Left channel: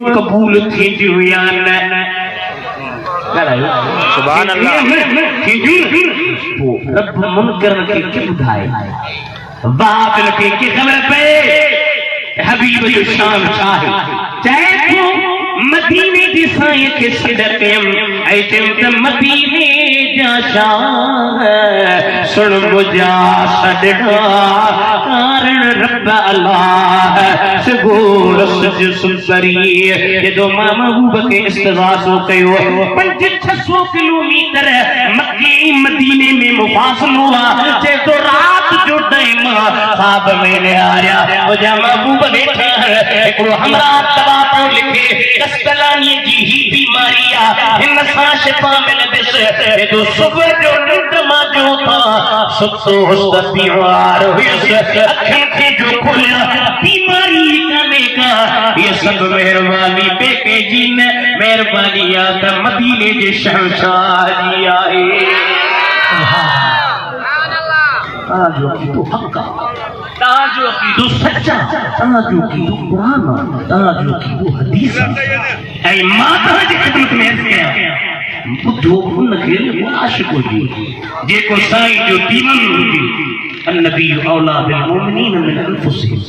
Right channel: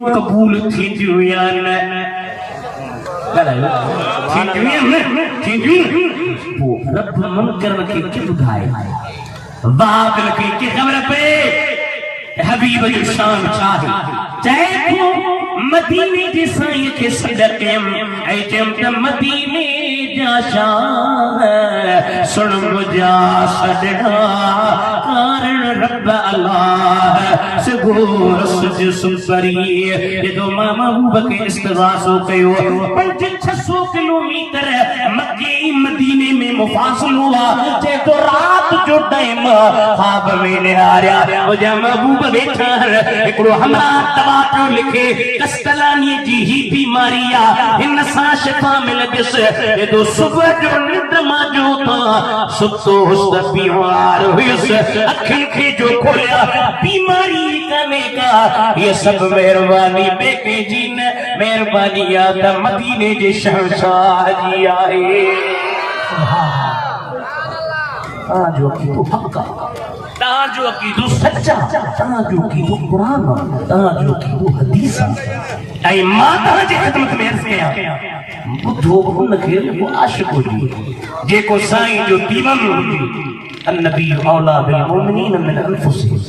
कबूल थी या न सुभान अल्लाह वो रब मुनकर के के बुधाए बातिल के खबर पे हबीब जो शान चाहे चाहे तो मदीने की साए के सदके ऐ ते मदीने जा शान सुन बुझा सदका कारण रब अल्लाह सगोर सज सुसरी ये जो महबूब के इस्तिगासो कयो 500-600 किलोमीटर मक्के मदीने में मुफासिल हुआ जे तो रात जो टाइम ख्वाब में ने आया ओ जा महबूब बैठा एकड़ो हमरा दवा तो लिखे कस्तलानी जी ही बीमारिया इन सा शिफा मिल दिस ये जो सुबह जो नींद मा जो था सुतो हुस्न बीमार हुई अखन के जो खोया बीमारी करने का ये सब मेहरबानी बेके जी ने मेहरबानी याद मदीने जे शहंशाह जी आए जो की तो हक्का ताजो की तो सच्चा ताजो की तो कुरान ताजो की तो हदीस ऐ माता जी खिदमत में अर्ज किया बुद्धो न खेल आशिक जी जेको साईं जो दीवान हुजे अन्नबी औला बिल मोमिनीन मिन अनफुसिहिम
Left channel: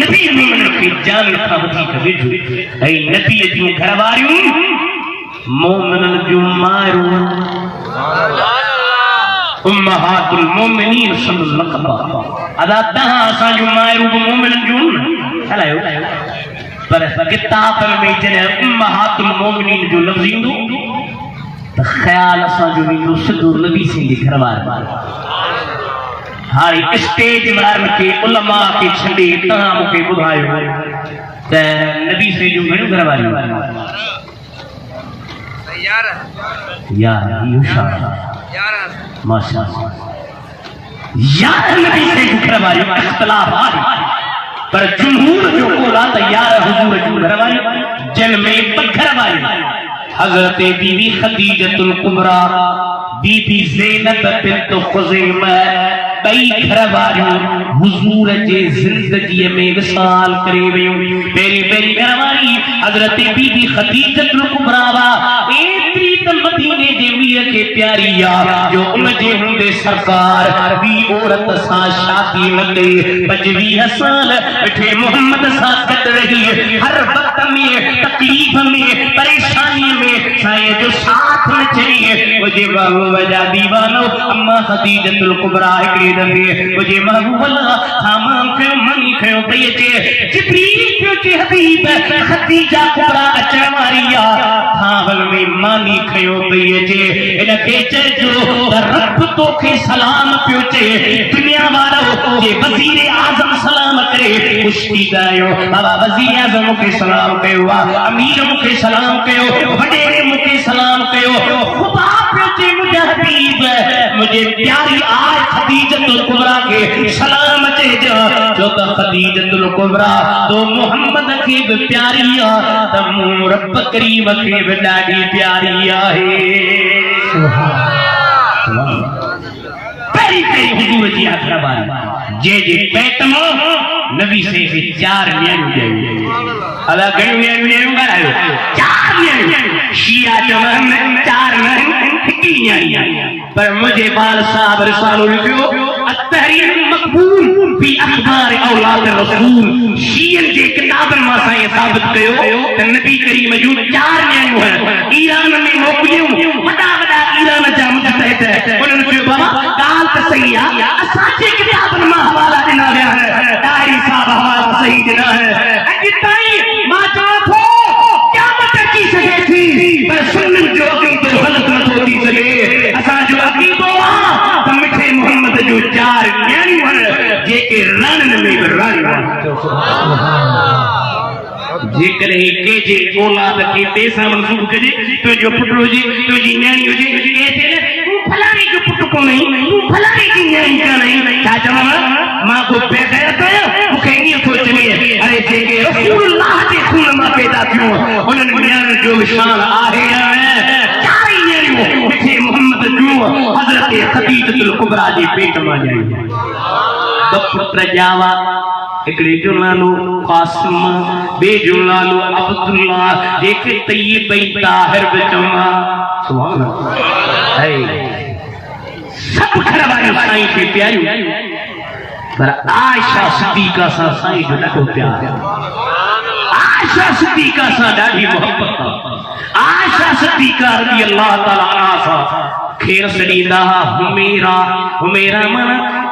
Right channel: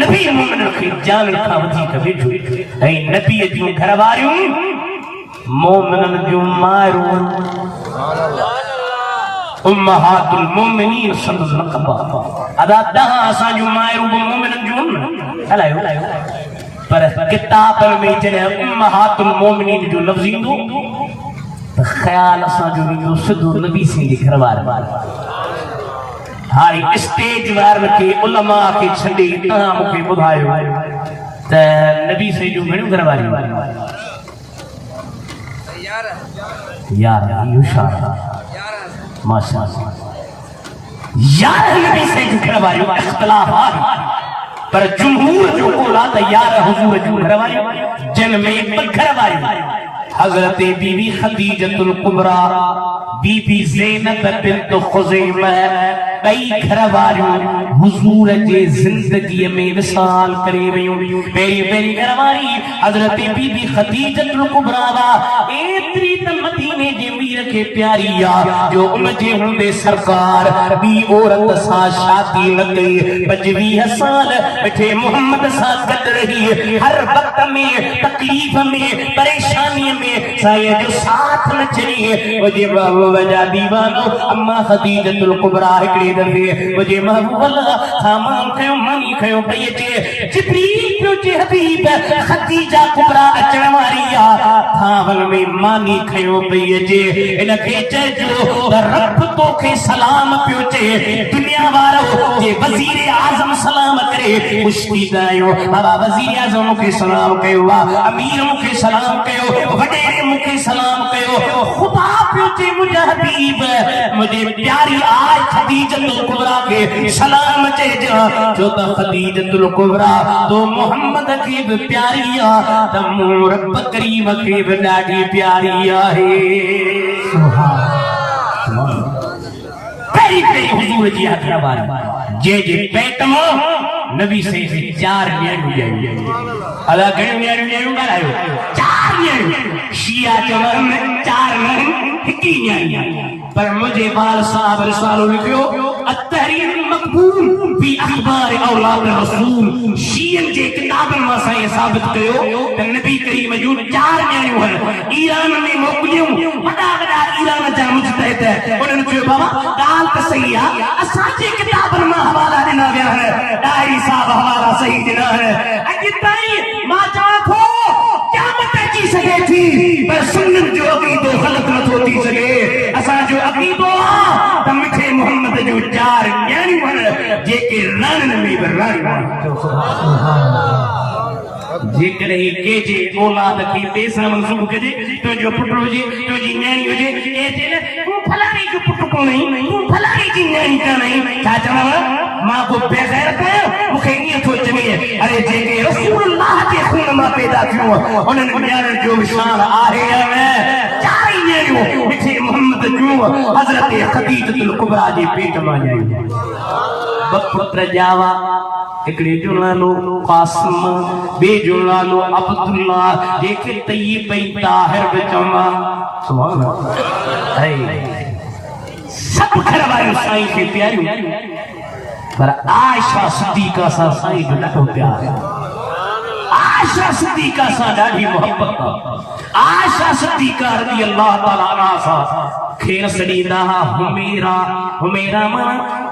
नबी मोमिन की जान का वधीक वेझो ऐ नबी जी घर वारियूं मोमिनन जो मारू उम्महातुल मोमिनीन सल्लल्लाहु अदा तहां असा जो मारू मोमिनन जो हलायो पर किताब में जने उम्महातुल मोमिनीन जो लफ्ज इंदो तो ख्याल असा जो इंदो सिद्धो नबी सिंह घर वार हाई स्टेज वार के उलमा के छंडी तहां मुके बुधायो त नबी से जो घणो घर वारी यार यो शान माशाअल्लाह यार नबी से जो घर वारी इख्तिलाफ पर जमहूर जो बोला तैयार हुजूर जो घर वारी जन में घर वारी हजरत बीबी खदीजतुल कुबरा बीबी ज़ैनब बिन्त खुज़ैमा बई घर वारियूं हुजूर जे जिंदगी में विसाल करे वयूं पहिरीं घर वारी हजरत बीबी खदीजतुल कुबरा एतरी त मदीने जे वीर के प्यारी आ जो उन जे हुंदे सरकार बी औरत सा शादी न कई 25 साल अठे मोहम्मद सा गद रही हर वक्त में तकलीफ में परेशानी में साए जो साथ न चाहिए मुझे महबूब जा दीवानो अम्मा खदीजतुल कुबरा एकड़ी दफे मुझे महबूब अल्लाह सामान कयो मनी कयो पई अचे जिब्रील पियो जे हबीब खदीजा कुबरा अचण वारी आ थावल में मानी कयो पई अचे इन के चजो रब तो के सलाम पियो चे दुनिया वारो जे वजीर आजम सलाम करे मुश्ती दायो बाबा वजीर आजम के सलाम कयो अमीर के सलाम कयो वडेरे मुके सलाम कयो खुदा पियो चे मुझे हबीब मुझे प्यारी आज खदीजतुल कुबरा के सलाम चे जो तो खदीजतुल कुबरा तो मोहम्मद की भी प्यारी आ तमो रब करीम के भी ॾाढी प्यारी आहे पहिरीं हुजूर जी अखबार जे पेट में नबी से 4 ॾियणियूं अला घणियूं ॾियणियूं ॻाल्हायो 4 ॾियणियूं शिया चवनि 4 न हिकु ॾियणी पर मुझे बाल साहब रिसालो लिखियो अतहरीर मकबूल फी अखबार औलाद रसूल शियन जे किताबन में साईं साबित कयो त नबी करीम जूं 4 ॾियणियूं ईरान में मोकिलियूं वॾा ईरान जा मुजतहिद उन्हनि चयो बाबा ॻाल्हि त सही आहे असांजे किताबनि मां हवाला ॾिना विया आहिनि डायरी साहब हवाला सही ॾिना आहिनि अॼु ताईं मां चवां थो क़यामत अची सघे थी पर सुन्नत जो अक़ीदो ग़लत नथो थी सघे असांजो अक़ीदो आहे त मिठे मोहम्मद जो 4 ॾियणियूं जेके राणनि में बि राणियूं जेकर के जे औलाद के पैसा मंसूब कजे तो जो पुट हुजे तो जी न्याणी हुजे ए थे तू फलाणे जो पुट कोनी तू फलाणे जी न्याणी काने छा चवा मां को बेगैरत मुखे ई थो चवे अरे जेके रसूलुल्लाह जे खून मां पैदा थियो उनन न्याणी जो शान आहे चाई न्याणी मिठे मोहम्मद जो हजरत खदीजतुल कुबरा जे पेट मां जाई पुत्र जावा एकड़े जो नालो कासिम बे जो नालो अब्दुल्ला जेके तय्यब ताहिर विचमा सुभान अल्लाह सब खरवायो साईं के प्यारियो पर आयशा सिद्दीका सा साईं जो ॾाढो प्यार आयशा सिद्दीका सा ॾाढी मोहब्बत आयशा सिद्दीका रज़ी अल्लाह ताला अन्हा सा खेर सड़ींदा हुमेरा हुमेरा मन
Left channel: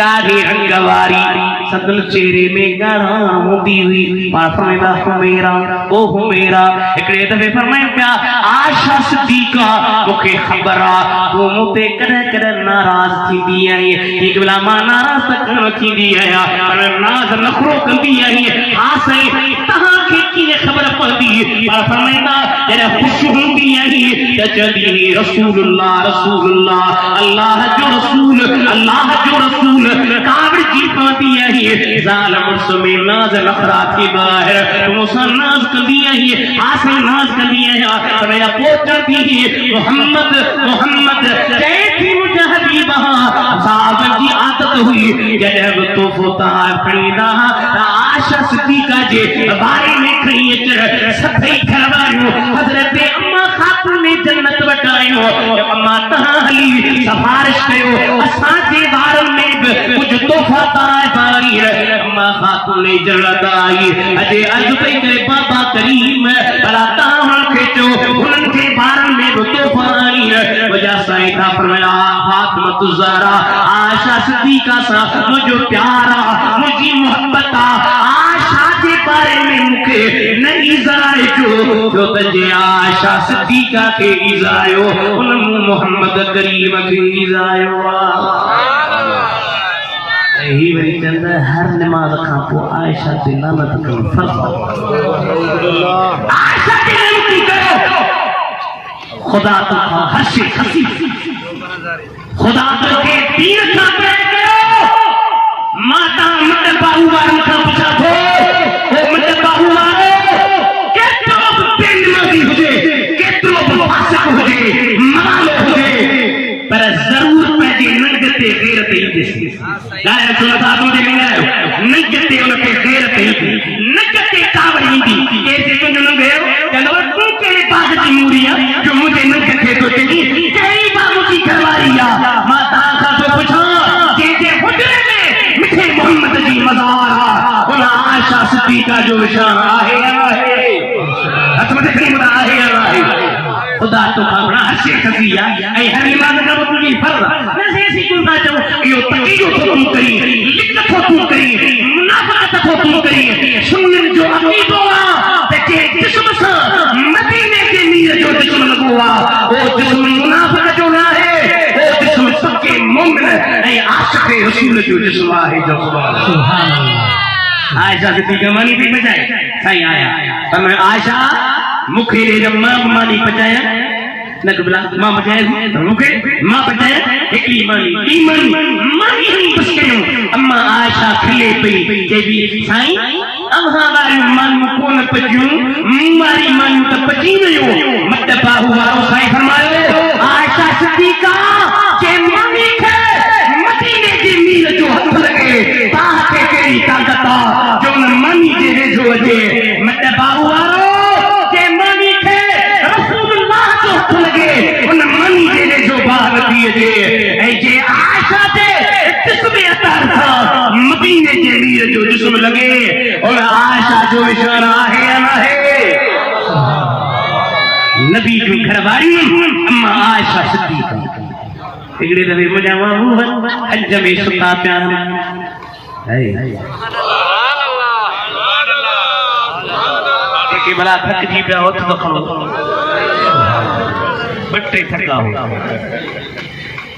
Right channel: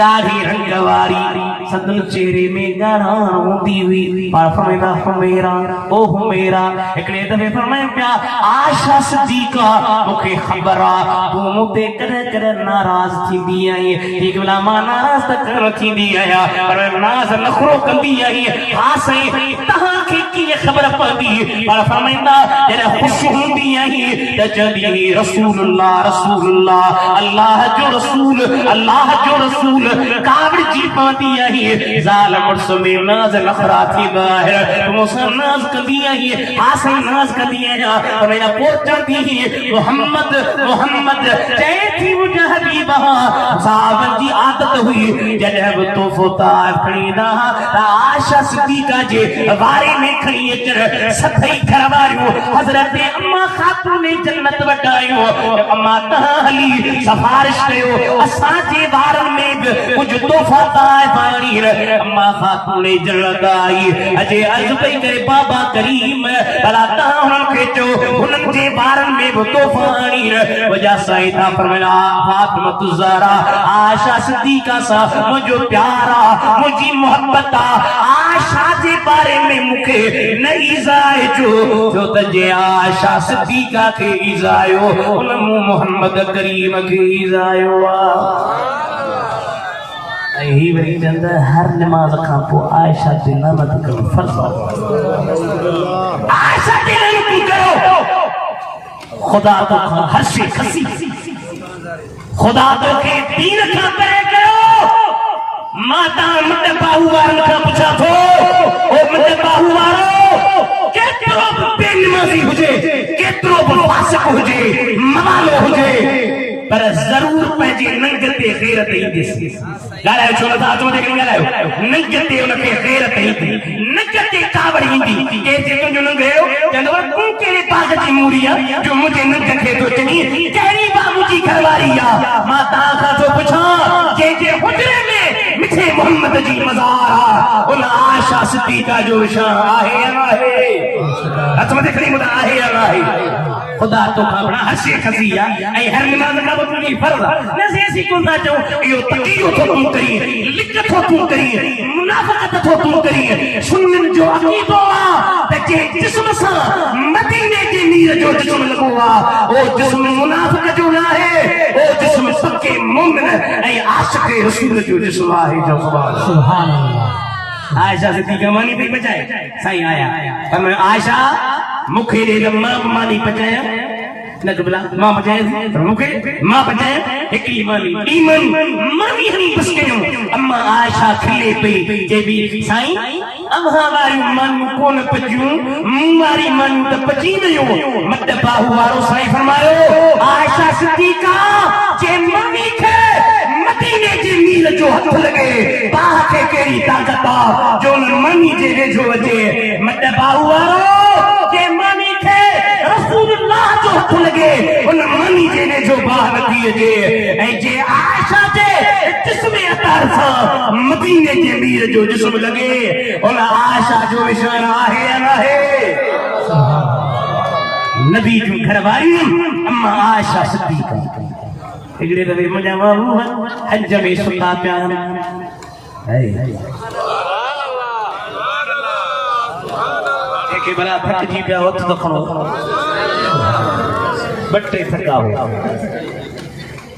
कारे रंग वारी सदन चेहरे में गाना होती हुई और फरमाया हुमेरा ओ हुमेरा एकड़े दफे फरमाया पिया आयशा सिद्दीका मुखे खबर आ तू मुते कदे कदे नाराज थींदी आई एक वेला मां नाराज त कोन थींदी आया पर नाज नखरो कंदी आई हां सही तहां के की खबर पवंदी पर फरमाया जरे खुश हुंदी आई त चंदी रसूलुल्लाह रसूलुल्लाह अल्लाह जो रसूल काबड़ जी पाती आई जालिम मुसमे नाज लखरा थी बाहर मुसन नाज कंदी आई आसे नाज कंदी आई मेरा पोचती मोहम्मद कहती मुझे हबीबा साहब की आदत हुई जब तो फोता खरीदा आयशा सिद्दीका जे बारे में खई चल सभई घरवारियो हजरत अम्मा खातून जन्नत वटायो अम्मा तहली सिफारिश कयो असा जे बारन में कुछ तोहफा ताए बारी अम्मा खातून जन्नत आई अजे अर्ज पे करे बाबा करीम भला ताहन खेचो उनन जे बारन में तोहफा आई वजह साईं था फरमाया फातिमा ज़हरा आयशा सिद्दीका सा मुझो प्यारा मुझी मोहब्बत आयशा जे बारे में मुखे न इजाए जो तजे आयशा सिद्दीका के इजायो उन मोहम्मद करीम के इजायो ही वरी चंद हर नमाज का पो आयशा ते नमत कर फर्ज आयशा ते नमत करो खुदा तो हर्षे खसी खुदा तो के दीन का पे करो माता मत बाहुवार का पूछा थो ओ मत बाहुवार केतरो बेनमाजी हुजे केतरो फासिक हुजे मालो हुजे पर जरूर पंहिंजी नंगते गैरत ईंदी ॻाल्हायो छो नथा तो दे ॻाल्हायो नंगते उनखे गैरत ईंदी नंगते कावड़ ईंदी के जे तुंहिंजो नंगेरो चवंदो तूं कहिड़े पाग जी मूरी आहे जो मुंहिंजे नंग खे तो चङी कहिड़ी बाबू जी घरवारी आहे मां तव्हां खां थो पुछां जंहिंजे हुजरे में मिठे मोहम्मद जी मज़ार आहे उन आयशा सिद्दीका जो शान आहे हथ मथे खणी ॿुधा आहे खुदा तो अपना हर्षे खसिया ऐ हर नमाज का तुझी फर्ज न ऐसी कोन था जो यो तकियो तो तुम करी लिखत तो तुम करी मुनाफात तो तुम करी सुन्नन जो अकीदो आ ते जिस्म सा मदीने के नीर जो जिस्म लगवा ओ जिस्म मुनाफिक जो ना है ओ जिस्म सबके मोमिन ऐ आशिक रसूल जो जिस्म है जो सुभान अल्लाह आयशा सिद्दीका मानी पे बजाए सही आया हमने आयशा मुखे ने मां मानी पचाया न कबला मां पचाया तो मुखे मां पचाया एकली मानी ईमान मानी हनी बस के अम्मा आयशा खिले पई जे भी साईं अम्हा वारी मन कोन पजू मारी मन त पची वयो मत बाहु वारो साईं फरमायो आयशा सिद्दीका जे मानी खे मदीने जी मीर जो हथ लगे ताह के केरी ताकत जो न मानी जे वेझो अचे मत बाहु वारो लगे उन मानी जे जो बाहर दिए जे ऐ जे आयशा जे जिस्म अतार था मदीने जे मीर जो जिस्म लगे उन आयशा जो निशान आहे या ना है नबी जो घरवारी अम्मा आयशा सिद्दीका एकड़े दवे मुंहिंजा महबूब हज में सुता पिया है के भला थक जी पिया हथ तो खणो बट्टे थका हो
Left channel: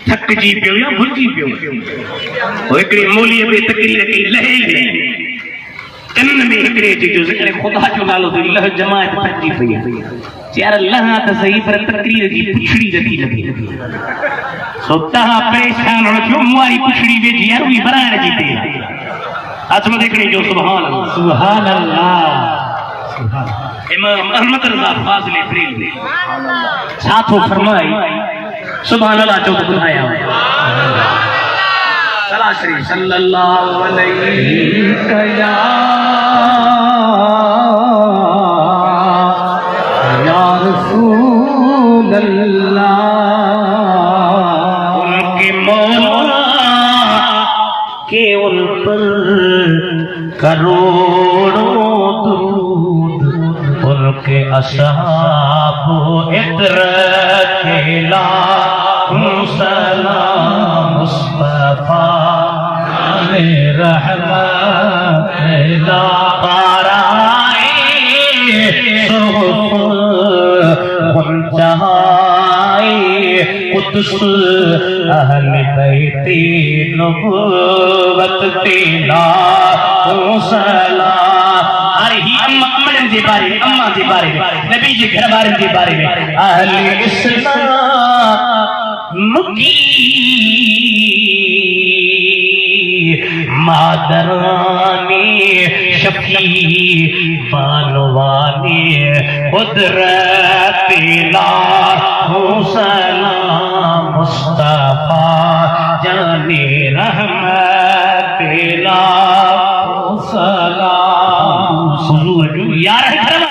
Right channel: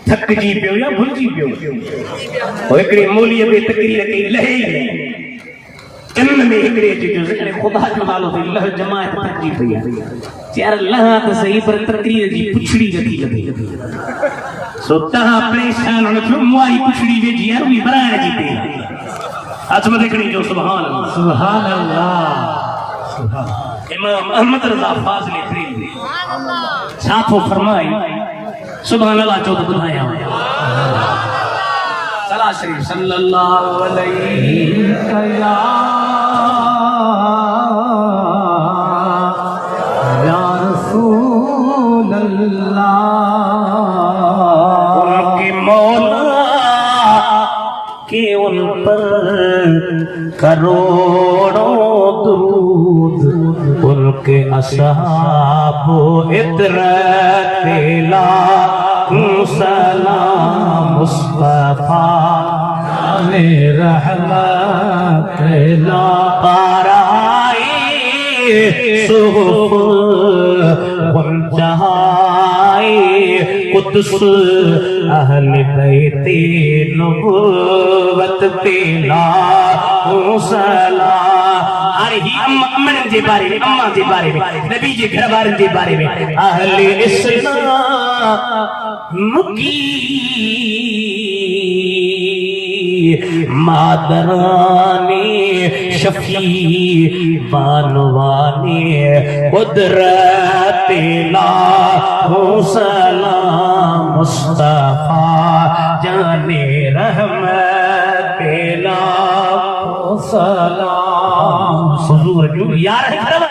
थक जी पियो या भुलजी पियो ओ एकड़ी मौलीअ में तकरीर के लहे कन्न में एकड़े जो जिक्र खुदा जो नालो तो लह जमात थकी पई यार लह त सही पर तकरीर जी पुछड़ी रखी लगी सो तहा परेशान हो जो मुआरी पुछड़ी वेजी यार वी बराण जी ते आज में देखणी जो सुभान अल्लाह सुभान अल्लाह इमाम अहमद रज़ा फाज़िल प्रेम साथो फरमाई सुभान अल्लाह जो बुधाया सला शरीफ सल्लल्लाहु अलैहि या रसूल अल्लाह। उनके मौला के उन पर करोड़ों दुरूद, उनके असहाब इतरत लाखों सलाम मुस्तफा रहमत ला पाराए जहाए कुदस अहल बैते नबूवत पेला सलाम। अरे ही अम्मा जे बारे में, अम्मा जे बारे में, नबी जे घर वारन जे बारे में अहले इस्लाम मुकी मादरानी शफी बानवानी कुदरत लाहू सलाम मुस्तफा जाने रहमत ला